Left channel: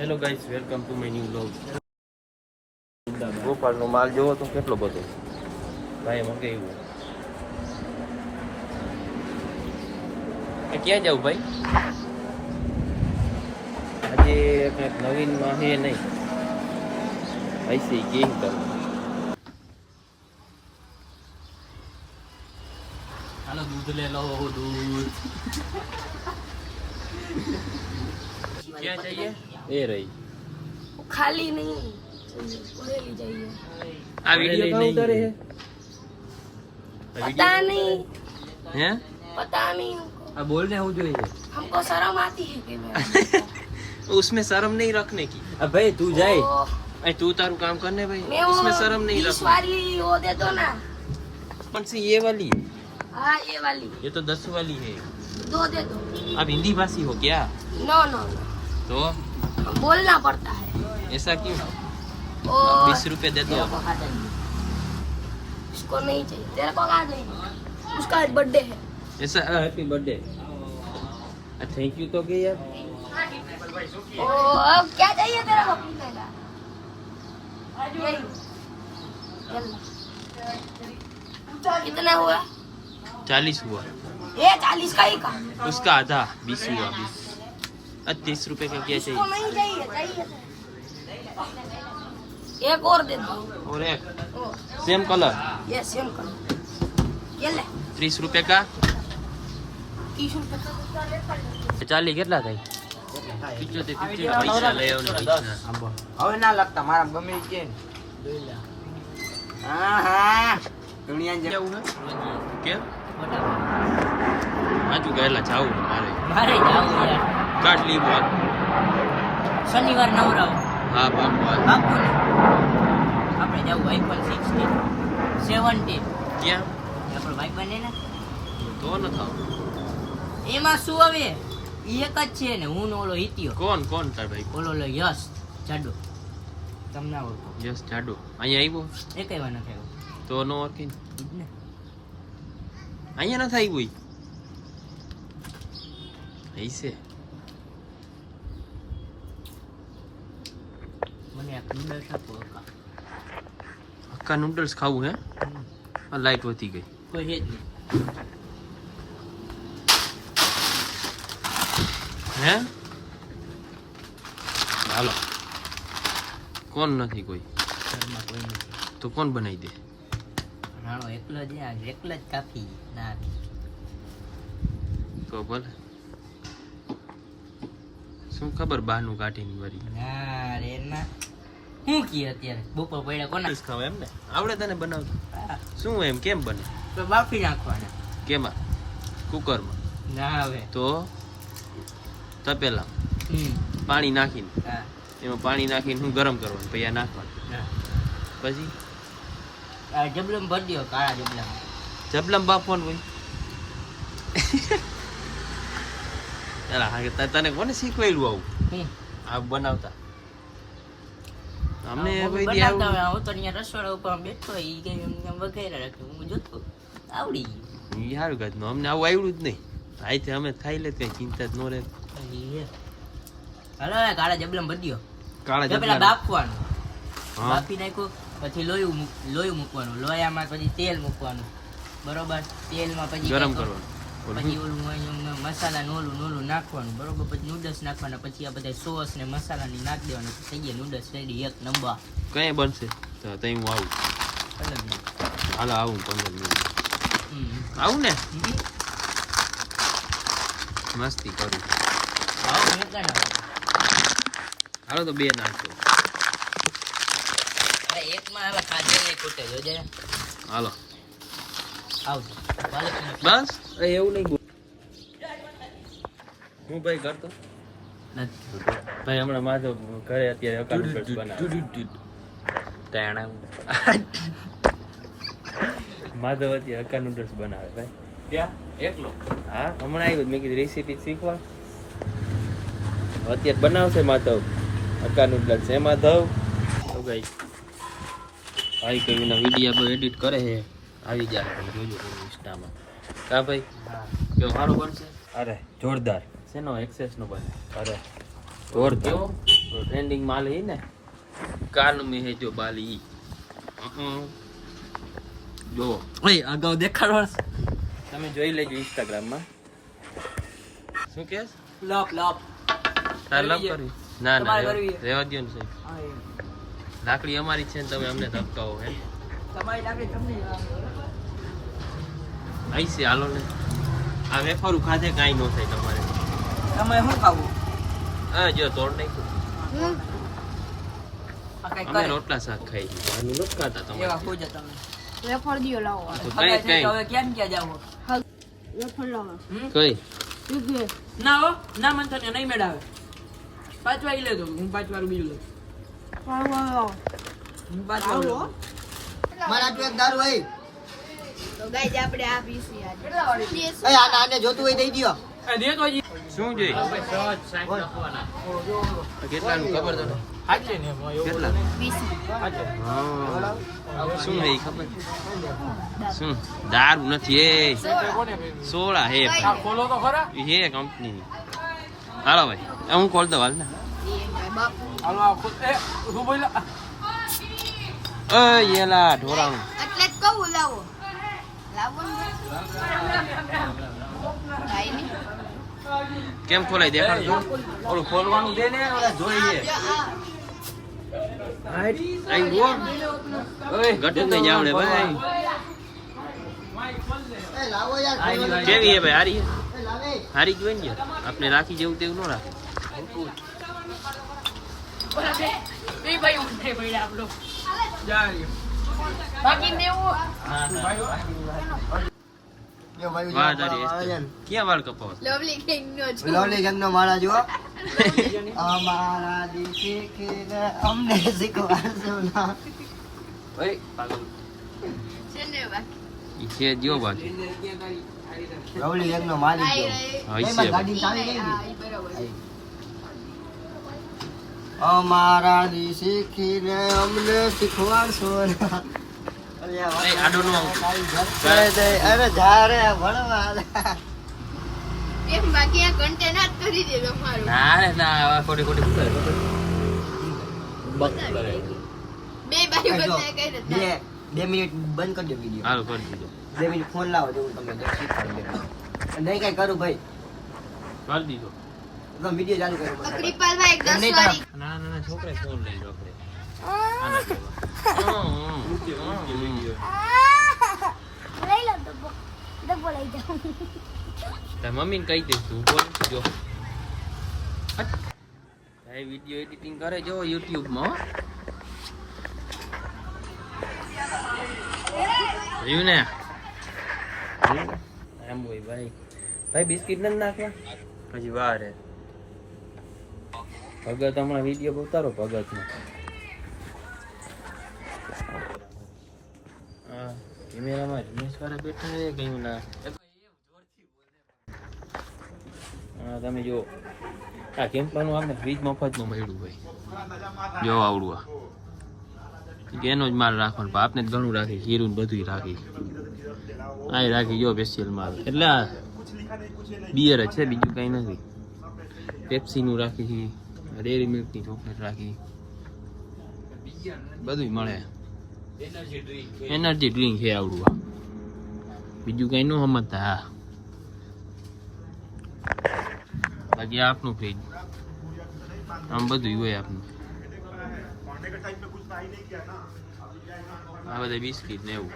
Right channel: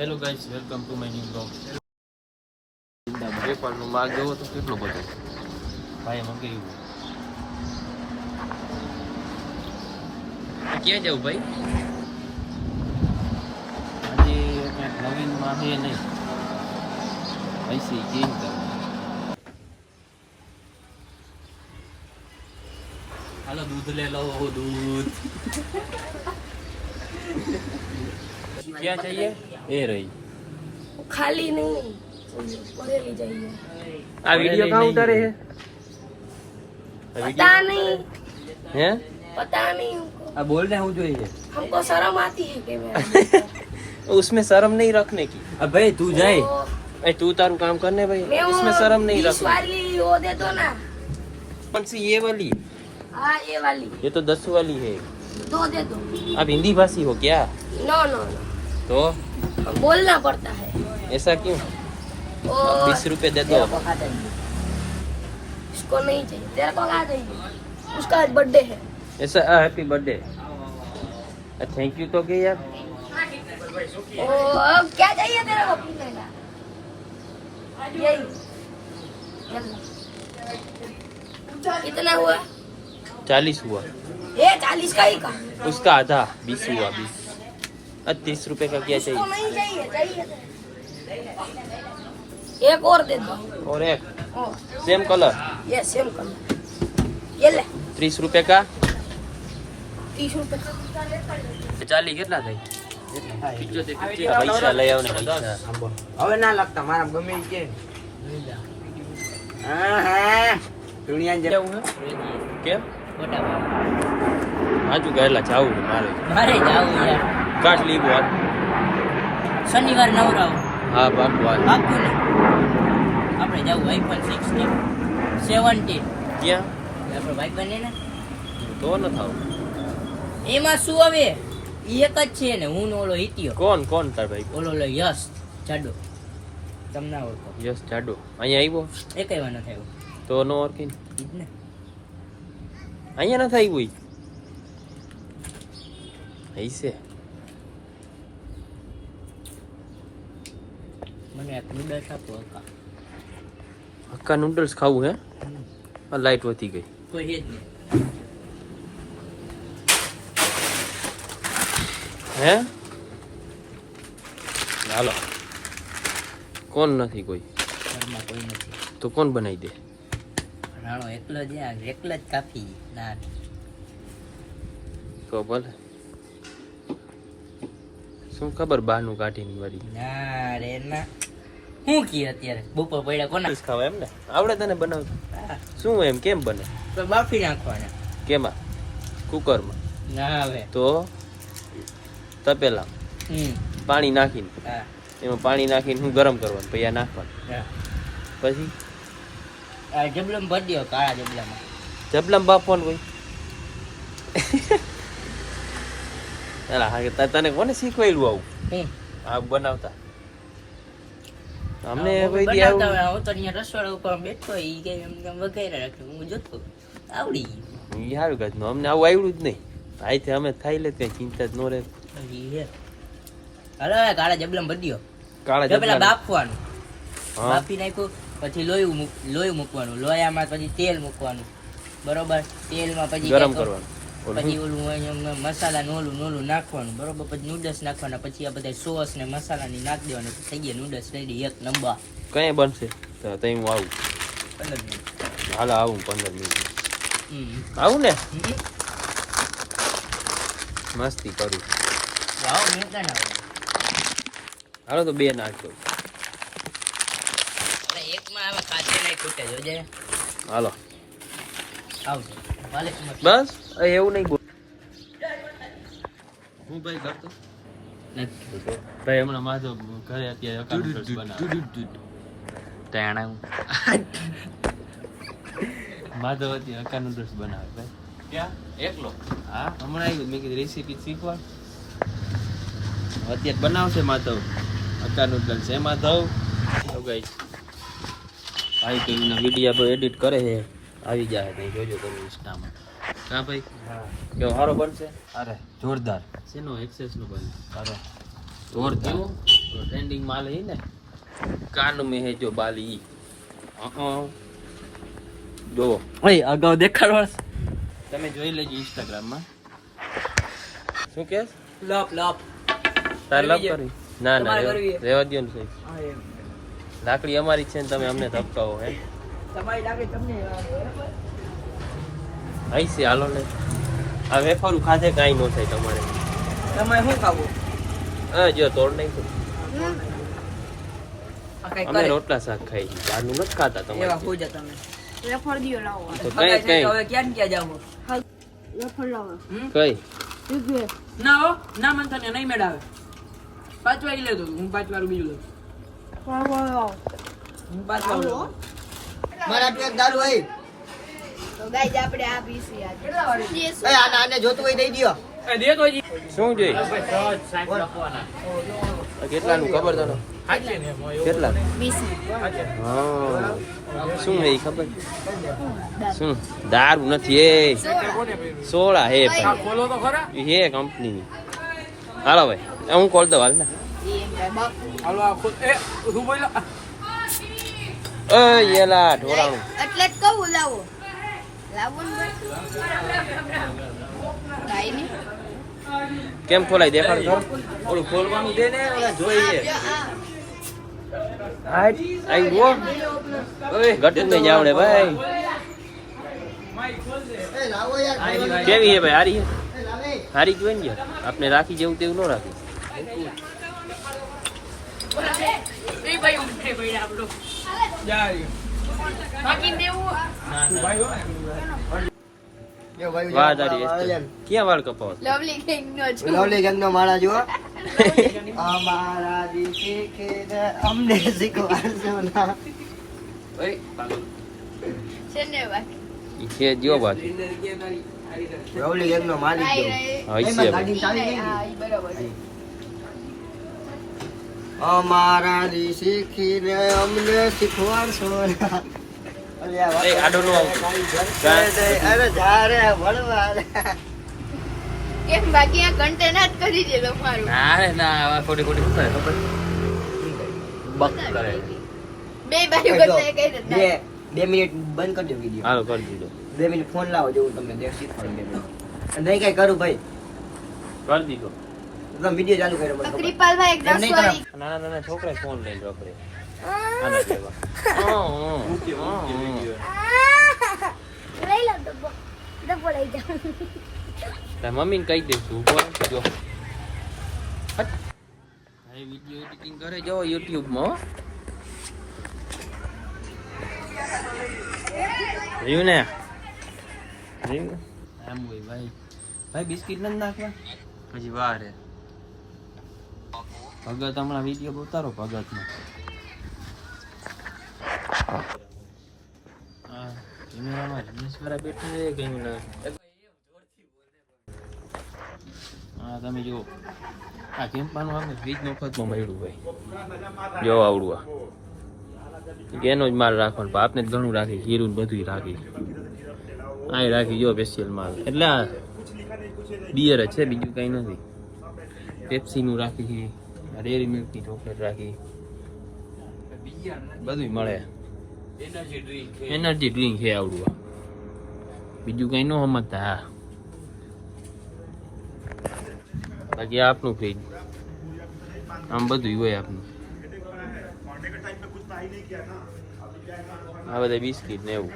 Hello guys, welcome to my new blog. ગોપાલનો માલ જોવો તો કેટલો બધો ભાઈ મંગાવ્યો. ક્યાં જાવ ભાઈ? આજે કંઈક નવીનમાં હે નહીં, ऐसे ही गेम करना. हेलो, दूध ले लो, दूध. क्या चाहिए? ये रही. खाली नहीं, भरेली चाहिए. आ वीडियो कहाँ उतारे है? पता नहीं. हैं? पता नहीं हमको. अब बोल रहे हूँ जो ये. हमको शर्म आती है कि मैं. उसमें शर्म नहीं रखने की. अब भाई तू जाए. अरे तू तारू काम करने भाई. इसमें शर्म नहीं रखने. वाली वो दे दो ना. कौन सी? ये वाली. हाँ ये वाली. ये तो 10 वाली है. दो दे दो. आप हिंदी भाषी हो क्या? No no no. तो बोलना पड़ता है. ऐसा क्यों? 20 रुपए दे दो. इसको नहीं चाहिए. तेरे को कहा चाहिए? उसका आज बर्थडे है. ऐसा हैप्पी बर्थडे. थैंक यू तो के यार. ओ अब क्या चाहिए तेरे को पीने का? यही. कितना हुआ? 40 हुआ. ये 40 का ही का. उसका आधा 20 हुआ. 20. 30 रुपए का क्या इसको चाहिए? नहीं चाहिए. चाहिए एक और दे दो. और एक सेम कलर. ये सेम कलर. ये ले. 30 रुपए का. 30 रुपए का. 40 કેટલા થઈ? પૈસા લઈ આવ ને પૈસા. હવે ના લાગતા મારા ગમે ઈ કે હા હા દુનિયા કેવું હે? કેમ? આજુ ગયેલા જાવું મારે. મારે જાવું યાર. કાઢ લીવો આજ. શનિવાર નવરાવ હા બાપુ આજ. બાપુ ને આપણે જાવું iPhone 16 17. ક્યાં? આપણો ભાઈ બને ને તો ન થાવ. એમાં શું હવે ઈ એક જ છે ને હું ને ઓલો હિતિયો. કોણ તાર ભાઈ? ઓલો યશ જાડો. તમને ઓળખો? યસ જાડો અહીંયા આવ્યો એકેય વાર ન થયો તો નો ઓળખી ઈ જ ને. અહીંયા ન થાય કોઈ હૈસે. મને એક નૂડલ્સ આપો હક્કા. હક્કા નૂડલ્સ ખાવું હે? આ લાઈટ વધી ગઈ. કોઈ હે જ નહીં. હે હાલો. કોણ નથી કોઈ? ઘરમાં કોઈ નથી. તો કોણ બનાવી દે? રાણો એકલો જ એકલો જ કાફી. ના તો ભલે. શું ખબર બહારનું કાઢીને વળી ના રે ના. હું કી અત્યારે બપોર પડ્યા કોના ખાવા એમ ને? આવડે તને બનાવતા? હા. શું એમ કેમ બને? તો બાફી નાખવાના. કેમાં? કુકરમાં? ના હવે તો તપેલા પાણી નાખીને હા એમાં પાણી નાખીને હું ગરમ કરવાનું પછી આ નાખવાનું. હા. પછી આ જબલમ ભરી દ્યો. કાળા જબલામાં જબલામાં બાફવાનું કોઈ? એલા હા તને કોને શીખવાડ્યું આવું હું આ બનાવતા? અમને આવું કોઈ દી બનાવતા આવું હોય. હું તો અહીંયા રસોડા ઉપર બેઠો ઈ કઈ એમ તેમ વઘાર્યા રાખે. હું જોતો આવડી ગયું. ઈ સારું કાઢનું. અમને આવું આવડ્યું જ નહીં. આઈથી અમે ખાઈ લે કઈ ચિંતા જ ન રહે. હજી હે. હાલો હવે કાળા જબલામાં ભરી દ્યો. કાળા પેલા જબલા બાફવાનું. હા બાફી નાખ્યું પછી લોહી મૂકવાનું. લોયામાં પછી તેલ મૂકવાનું. બરોબર. તેલમાં પછી ગરમ કાંઈક કરવાનું. પછી ઓલું અહીંયા મસાલા નોલું નાખવાનું. બરોબર. પછી નૂડલ્સ નાખવાના. પછી આ બધા સોસ ને મસાલાની નાખી દેવાનું. થઈ ગયા નૂડલ્સ રેડી. એક નંબર. કઈ બનશે તો તઈ હું આવું. 15 મિનિટ. હાલો આવું 15 મિનિટ આવું ને. મસ્તી કરું. વાવ મેં ના હાલો તો બે નાખો. હવે એકમાં હવે ખાધે નહીં ખૂટે જોજે. હાલો આવજો. વાલે બસ એવું નહીં બોલ. હું ભાઈ કરતો ભાઈ હમણાં માધવ ઘરે અત્યારે અકાઉન્ટ બનાવે. માધવ અત્યારે અકા નૂડલ્સ બનાવે ભાઈ. ક્યાં? એકલો? હા હમણાં આવ્યું મેં કીધું રેસીપી શીખવા. અત્યારે બનાવશે માધવ અકા નૂડલ્સ. એમાં ધવ ગાઈસ ભાઈ તો એના વિડીયો એડિટ કરે છે. આવી જાય ભાઈ જોજો તમે ઇન્સ્ટામાં. કા ભાઈ? હા કેવો સારો બનશે? અરે જોરદાર. શેનો એક્સેસ નો બને? અરે જોરદાર. ટ્રેન્ડિંગ માલ હી ને કાન में है जो बाली જો ઓય અગાઉ દેખાડો તમે જોઈ લેજો ઇન્સ્ટાગ્રામ માં શું કે લોપ લોપ તાર લવ કરી ના ના તમારે કરવી છે. રેવા દ્યો ને સાહેબ લાકડી અમારી છે ને તમે અમને ધપકાવો હે તમારી લાગે તમને આઈ છે હાલો ને આ વેફરું ખાધે કાંઈ ન થાય તમારે તમારે શું ખાવું હા જો તોડ નાખ્યું આ કઈ અમે કરે રોટલા શાક ખાઈ છીએ બહારનું નથી ખાતા એવા તમારે ખોજા તમે વેફર દિયો લાવો તો હગાઈ કઈ થાય તો કઈ હવે ક્યાં ક્યાં જાવ વેફર લાવો કઈ ના હો ના મન તને નહીં મેળાવે 5 વાગે લેતો હું 5 વાર બીજું લઉં હું 5 વાર લઉં મારા તું એક દારૂ હોય તો ગાઈસ આપણે આ પીસી આજે એ આને જોતું હોય દઈ દ્યો એ દે તો જી શું જોઈ કેટલાનું ખબર તને કેટલા 20 હા શું હે ઈ ખબર શું દારૂ નથી એ સોડા હે ભાઈ ખોલો તો ખરા ઈ હે કંપનીની હાલો ભાઈ હું કોલ દઉં હાલ ને હાલો આ એ ઊભું બોલા યેલા ઢોરાણું એટલે જ કહું લાવો લાવો ને ભાઈ ની કેમ ખોલાય દેખાડ ખરો ઓલું ખોલવાનું દે ને ઓલા જોઈએ આઈ ગો ગટુ મે જાવડે ભાઈ એ લાવો યાર કેવી હે ભાઈ હારી હે હારી જ હોય ને યાર આપણે રાખી જેવું તેવું ન રાખી એ ભાઈ ઉઠે ભાઈ આપણો જા બાકી મેવું યો ભાઈ વાહ તારી ક્યાં વાળ કપાવ લવલી કિંગ નો છે લવલી ગંગનો માળા જુઓ અમારા દિલ શીખીને અમને શીખવાડશો ના ઓય છે ને બાકી છે જો બાકી લવલી ગંગનો માલિક જો હા ઈ છે ગાડી ચાલી ગઈ હા ઈ બરાબર છે અમારા દિલ શીખીને અમને શીખવાડશો ના એ આડો નો અરે જારે ભણવા કેમ બાકી આ કન્ટેનર કરી દે તમારું ના રે ના આવા ખોટી ખોટી શું કરે ખબર બક કરે બે બાજુ કરતા કઈ નથી બે મિનિટ બંધ કરી દો વિડિયો હાલો કરી દીધો 2 મિનિટ ફોન લાવો દેવું તમને દે શીખવાડી દે નહીં કઈ કરું ભાઈ કરી દીધો તમે વિડિયો ચાલુ કરો તો બસ કૃપાલભાઈ એક 10 નહીં વાળી નાના નાના છોકરા ફોન લઈને રખડે આના જેવા લઈ લો ડબ્બો લઈ જાઉં તાર મમ્મીને કહી દઈશું ઉભો રહે, જો ભાઈ વિડિયો એડિટિંગ કરે જો YouTube માં રહ્યું ને એમ હોય ભાઈ ભાઈ બિસ્કિટ નથી નાખવા હજી વાર હે ભગત હમણાં વિડીયો ઉતારો ભગતનો હા કેમેરામાં રમેશવાળા બેઠા છે કઈ ઓલા હા તમે જો આ કેમ્પાનું આપણે ફ્રીજ મફતમાં મળ્યું ભાઈ જો આવડું આ એનો જ માલ રાખવાનો પણ આપને જ ઘણું રાખી જીરું ને બધું રાખી આ રાખી જો સ્પેશિયલ માલ એટલે આ બિયર જ છે બીજું કઈ નથી પેપ્સીનું રાખી છે ડેરી મિલ્કની ચોકલેટ રાખી બધું મળે એનર્જી ડ્રિંક છે આવડું આ બીજું કઈ ન સમજતા હા બાકી આપનું ફ્રીજ આમ બધું હોય આપનું આ બધા બિસ્કીટ ને એવું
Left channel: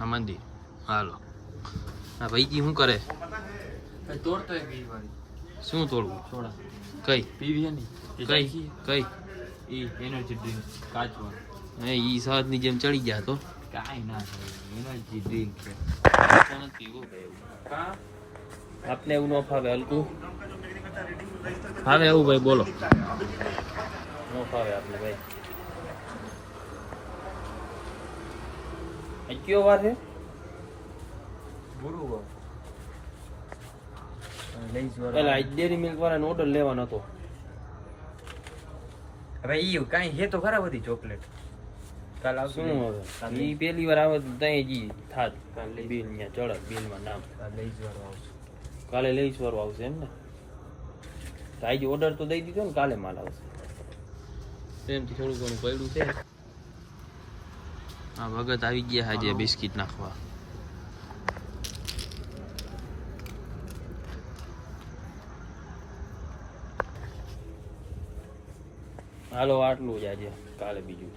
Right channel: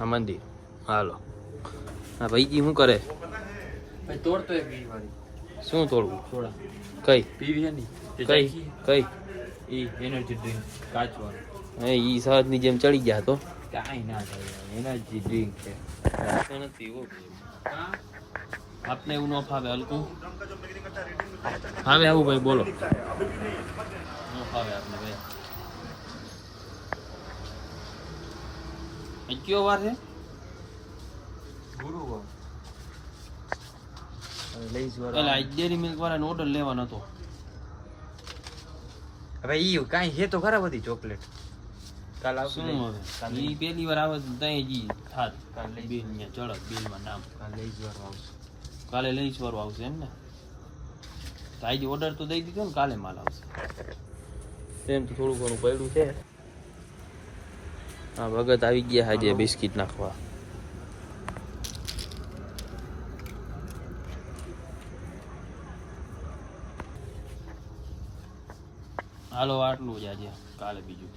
આ મંદિર હાલો હા ભાઈજી શું કરે ભાઈ તોડતો એક બીજી વાળી શું તોડવું થોડા કઈ પીવી ની કઈ કઈ ઈ એનર્જી ડ્રિંક કાચવા હે ઈ સહજ ની જેમ ચડી ગયા તો કાઈ ના થાય એનર્જી ડ્રિંક છે નથી એવું ભાઈ હા આપને એવું ન ફાવે હલકું ફાવે આવું ભાઈ બોલો ન ફાવે આપને ભાઈ કયો વાર છે ગુરુવાર એટલે આ ડેરી મિલ્ક વાળાનો ઓર્ડર લેવાનો હતો હવે ઈ કાઈ છે તો ખરા બધી ચોકલેટ કાલ શું હવે ઈ પહેલી વાર આવે તો તઈ જી થાત બિલ ન્યા ચડક બિલમાં નામ લઈ જવાનું આવશે કાલે લઈશ વાળો આવશે એમ ને તો આજે ઓર્ડર તો દઈ દીધો ને, કાલે માલ આવશે. તેમ તો થોડું ઘણું પડ્યું છે. હા ભગત આવી ગયા આજે બિસ્કિટ નાખવા. હાલો આટલું જ આજે, કાલે બીજું.